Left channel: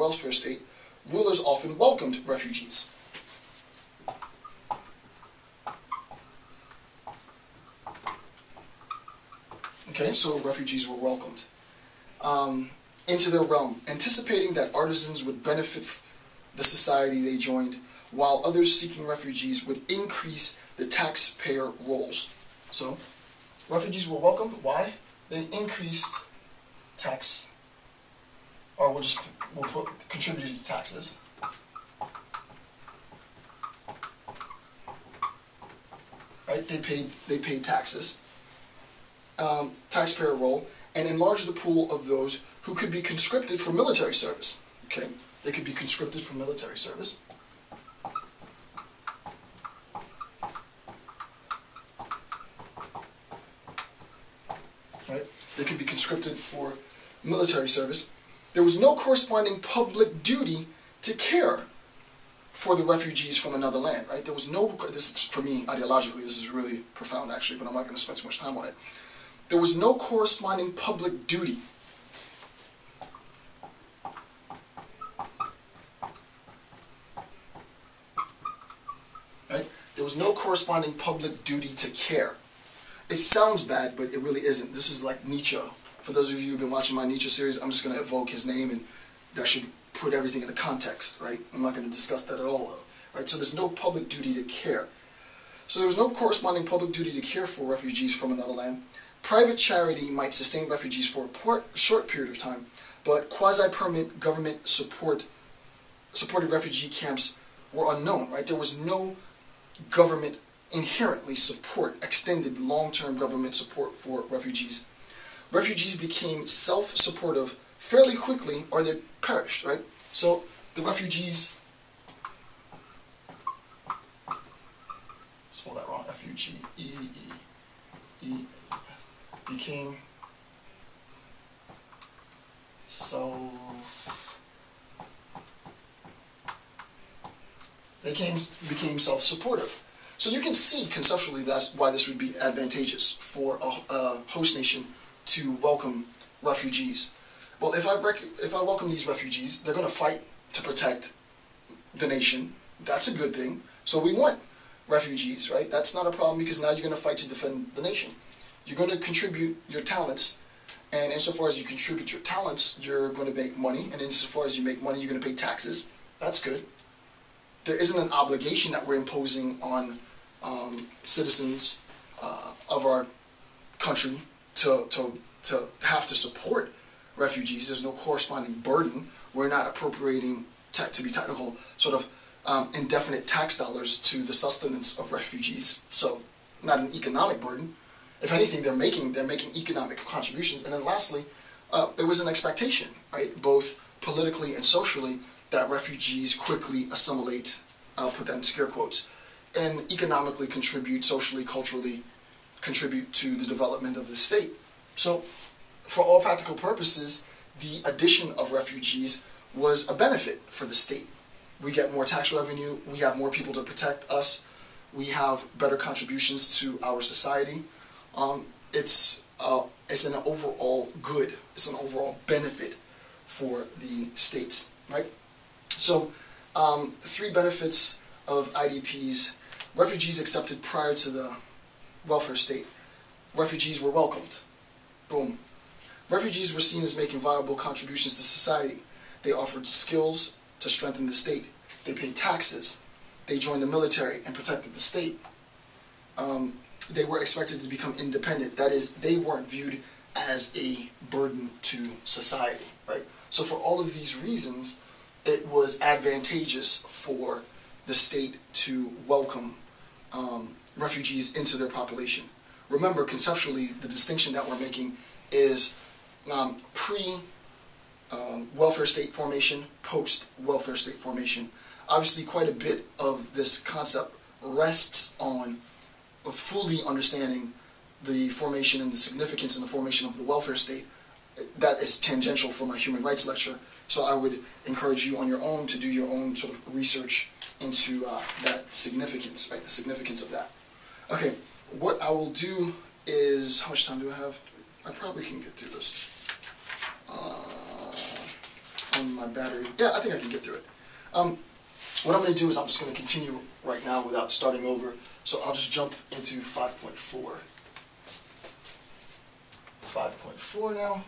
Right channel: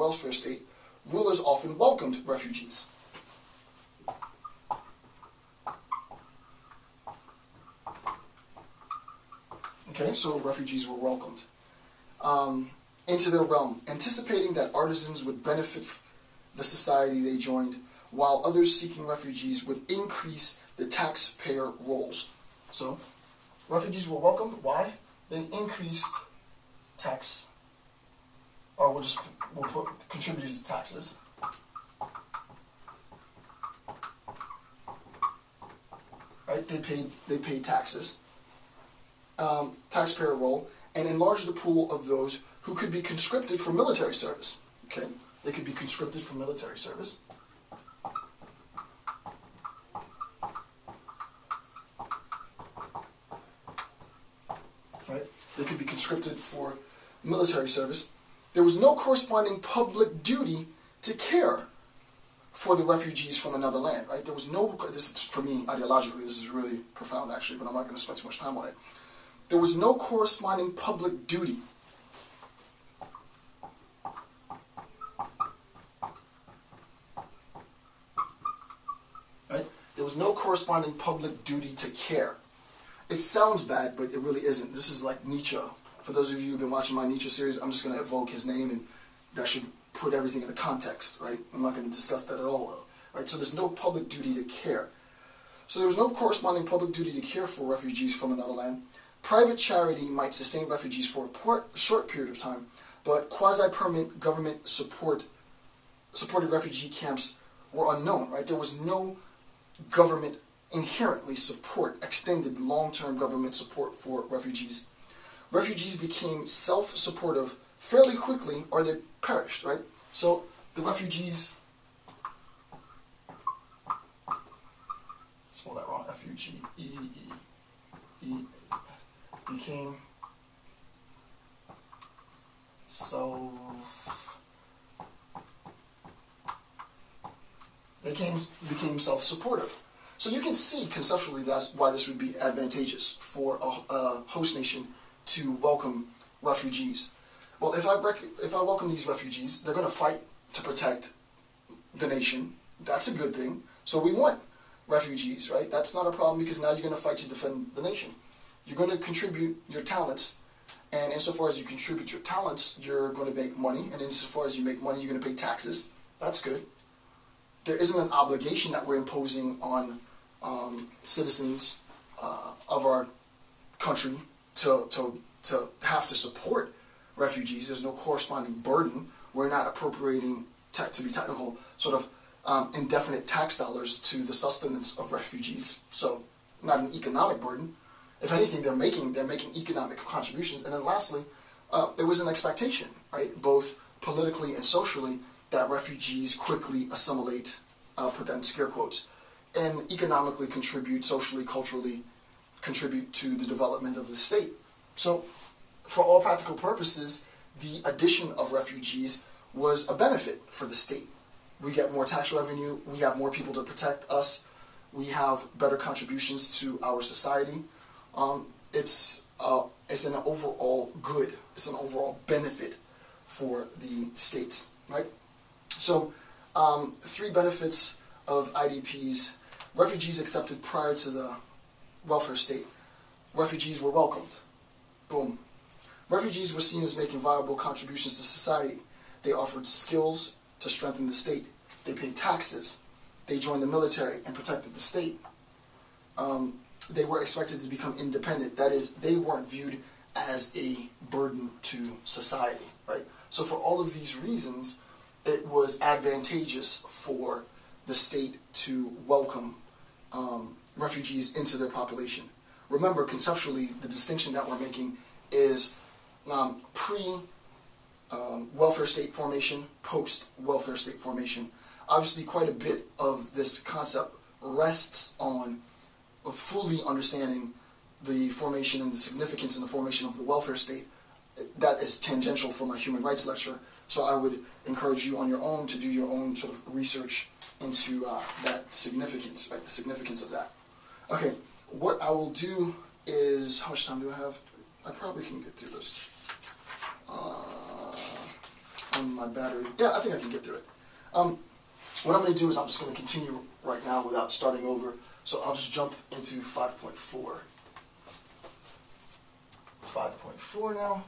welfare state, rulers often welcomed refugees. Okay, so refugees were welcomed into their realm, anticipating that artisans would benefit the society they joined, while others seeking refugees would increase the taxpayer rolls. So, refugees were welcomed. Why? They increased tax, or contributed to taxes. Right? They paid taxes, taxpayer roll, and enlarged the pool of those who could be conscripted for military service. Okay, they could be conscripted for military service. Right? They could be conscripted for military service. There was no corresponding public duty to care for the refugees from another land. Right? There was no. This is, for me, ideologically, this is really profound, actually, but I'm not going to spend too much time on it. There was no corresponding public duty. Right? There was no corresponding public duty to care. It sounds bad, but it really isn't. This is like Nietzsche. For those of you who've been watching my Nietzsche series, I'm just going to evoke his name, and that should put everything into context, right? I'm not going to discuss that at all, though. Right? So there's no public duty to care. So there was no corresponding public duty to care for refugees from another land. Private charity might sustain refugees for a short period of time, but quasi-permanent government supported refugee camps were unknown, right? There was no government inherently extended long-term government support for refugees. Refugees became self-supportive fairly quickly, or they perished, right? So the refugees, spell that wrong, F-U-G-E-E-E, became became self-supportive. So you can see conceptually that's why this would be advantageous for a host nation to welcome refugees. Well, if I welcome these refugees, they're going to fight to protect the nation. That's a good thing. So we want refugees, right? That's not a problem, because now you're going to fight to defend the nation. You're going to contribute your talents, and insofar as you contribute your talents, you're going to make money, and insofar as you make money, you're going to pay taxes. That's good. There isn't an obligation that we're imposing on citizens of our country to have to support refugees. There's no corresponding burden. We're not appropriating, to be technical, sort of indefinite tax dollars to the sustenance of refugees. So not an economic burden. If anything, they're making economic contributions. And then lastly, there was an expectation, right, both politically and socially, that refugees quickly assimilate, put that in scare quotes, and economically contribute, socially, culturally contribute to the development of the state. So, for all practical purposes, the addition of refugees was a benefit for the state. We get more tax revenue, we have more people to protect us, we have better contributions to our society. It's an overall good, it's an overall benefit for the states, right? So, 3 benefits of IDPs. Refugees accepted prior to the welfare state. Refugees were welcomed. Boom. Refugees were seen as making viable contributions to society. They offered skills to strengthen the state. They paid taxes. They joined the military and protected the state. They were expected to become independent. That is, they weren't viewed as a burden to society, right? So for all of these reasons, it was advantageous for the state to welcome refugees into their population. Remember, conceptually, the distinction that we're making is pre-welfare state formation, post-welfare state formation. Obviously, quite a bit of this concept rests on fully understanding the formation and the significance in the formation of the welfare state. That is tangential from a human rights lecture, so I would encourage you on your own to do your own sort of research into that significance, right? The significance of that. Okay, what I will do is, how much time do I have? I probably can get through this. on my battery. Yeah, I think I can get through it. What I'm going to do is I'm just going to continue right now without starting over. So I'll just jump into 5.4. 5.4 now.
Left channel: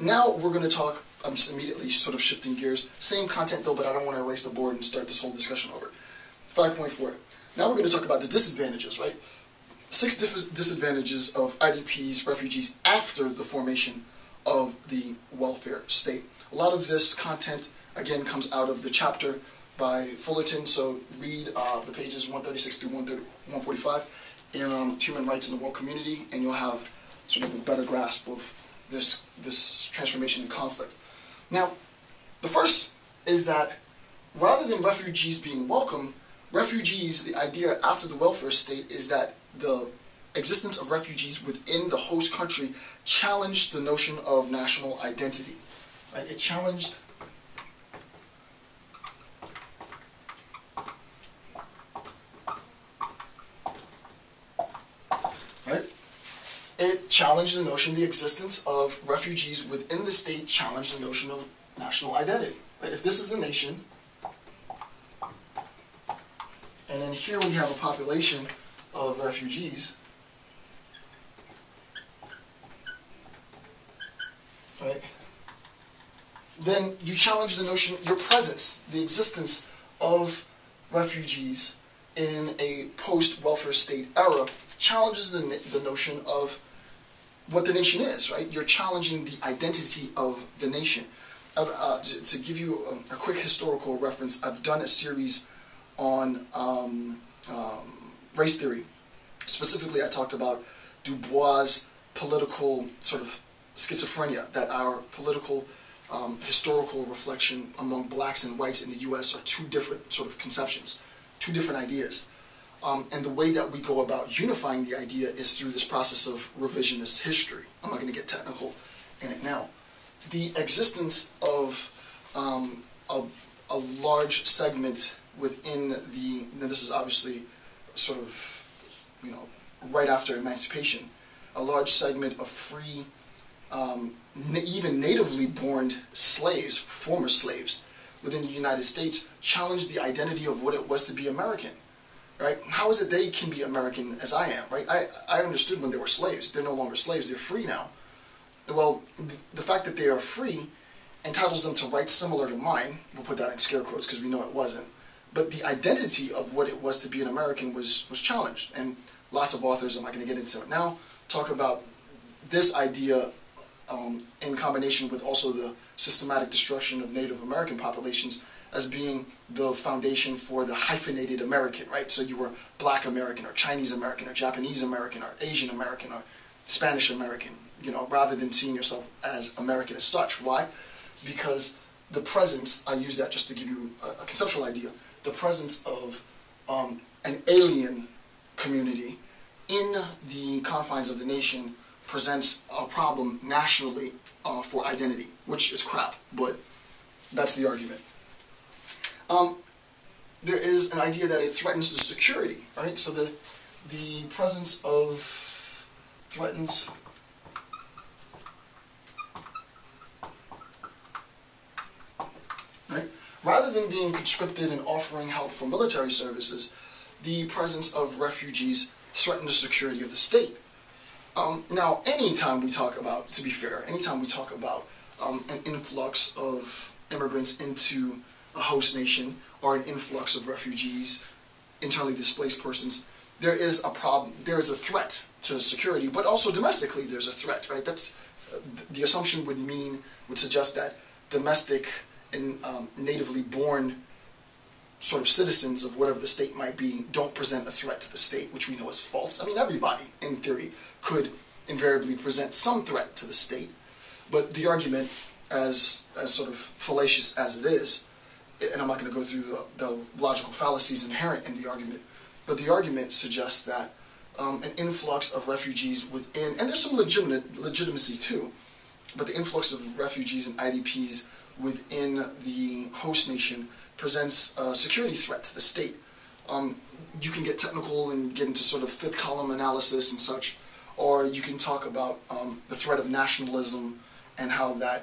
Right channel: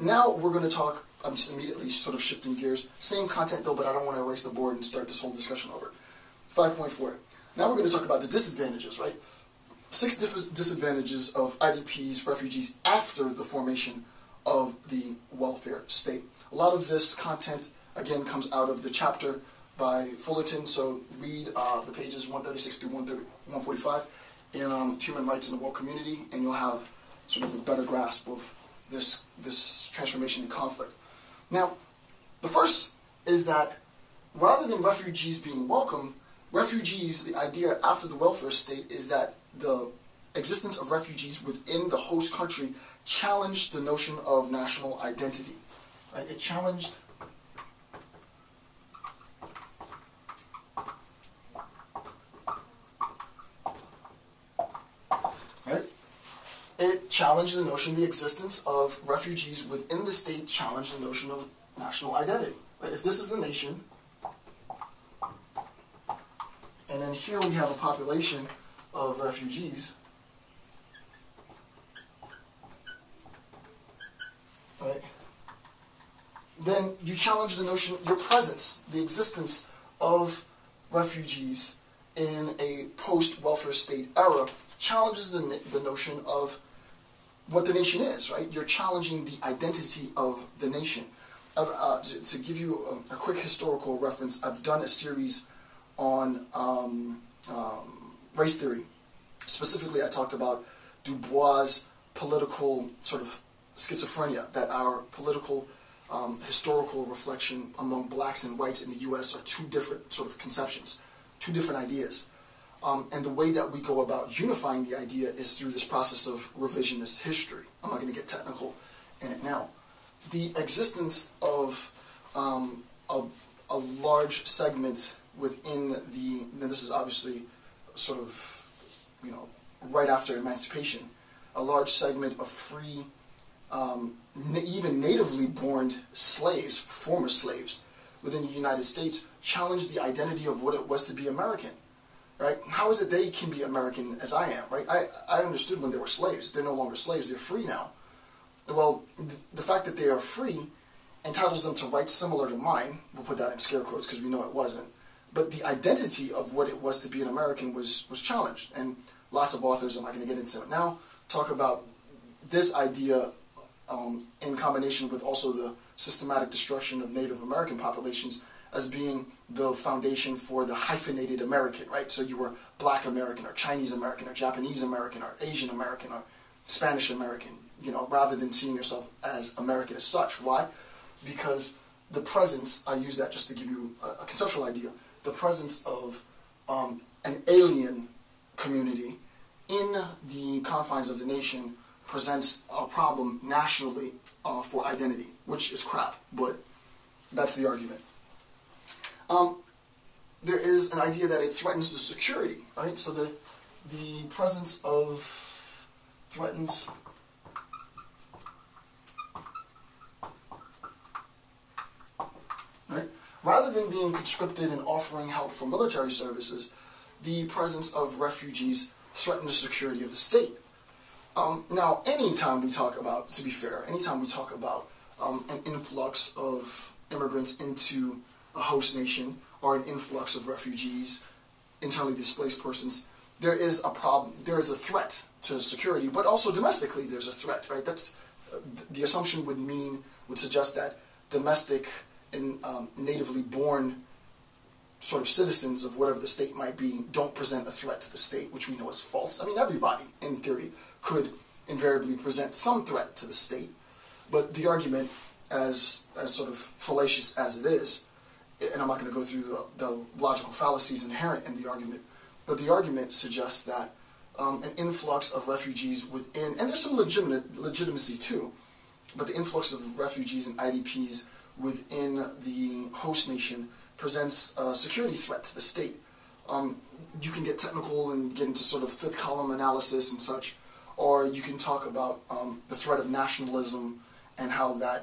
Now we're going to talk, I'm just immediately sort of shifting gears. Same content though, but I don't want to erase the board and start this whole discussion over. 5.4. Now we're going to talk about the disadvantages, right? 6 disadvantages of IDPs, refugees, after the formation of the welfare state. A lot of this content, again, comes out of the chapter by Fullerton, so read the pages 136 through 145 in Human Rights in the World Community, and you'll have sort of a better grasp of this transformation and conflict. Now, the first is that rather than refugees being welcome, refugees, the idea after the welfare state is that the existence of refugees within the host country challenged the notion of national identity. Right? It challenged the notion, the existence of refugees within the state challenged the notion of national identity. Right? If this is the nation, and then here we have a population of refugees, right? Then you challenge the notion, your presence, the existence of refugees in a post-welfare state era challenges the notion of what the nation is, right? You're challenging the identity of the nation. To give you a quick historical reference, I've done a series on race theory. Specifically, I talked about Du Bois' political sort of schizophrenia, that our political historical reflection among blacks and whites in the U.S. are two different sort of conceptions, two different ideas. And the way that we go about unifying the idea is through this process of revisionist history. I'm not going to get technical in it now. The existence of a large segment within this is obviously sort of, right after emancipation, a large segment of free, even natively born slaves, former slaves, within the United States challenged the identity of what it was to be American. Right? How is it they can be American as I am? Right? I understood when they were slaves. They're no longer slaves. They're free now. Well, the fact that they are free entitles them to rights similar to mine. We'll put that in scare quotes because we know it wasn't. But the identity of what it was to be an American was challenged. And lots of authors, I'm not going to get into it now, talk about this idea in combination with also the systematic destruction of Native American populations as being the foundation for the hyphenated American, right? So you were Black American or Chinese American or Japanese American or Asian American or Spanish American, rather than seeing yourself as American as such. Why? Because the presence, I use that just to give you a conceptual idea, the presence of an alien community in the confines of the nation presents a problem nationally for identity, which is crap, but that's the argument. There is an idea that it threatens the security, right? So the presence of threatens right? Rather than being conscripted and offering help for military services, the presence of refugees threatened the security of the state. Now, anytime we talk about, to be fair, anytime we talk about an influx of immigrants into a host nation or an influx of refugees, internally displaced persons, there is a problem, there is a threat to security, but also domestically there's a threat, right? That's the assumption would suggest that domestic and natively born sort of citizens of whatever the state might be don't present a threat to the state, which we know is false. I mean, everybody, in theory, could invariably present some threat to the state, but the argument, as sort of fallacious as it is, and I'm not going to go through the logical fallacies inherent in the argument, but the argument suggests that an influx of refugees within, and there's some legitimacy too, but the influx of refugees and IDPs within the host nation presents a security threat to the state. You can get technical and get into sort of fifth column analysis and such, or you can talk about the threat of nationalism and how that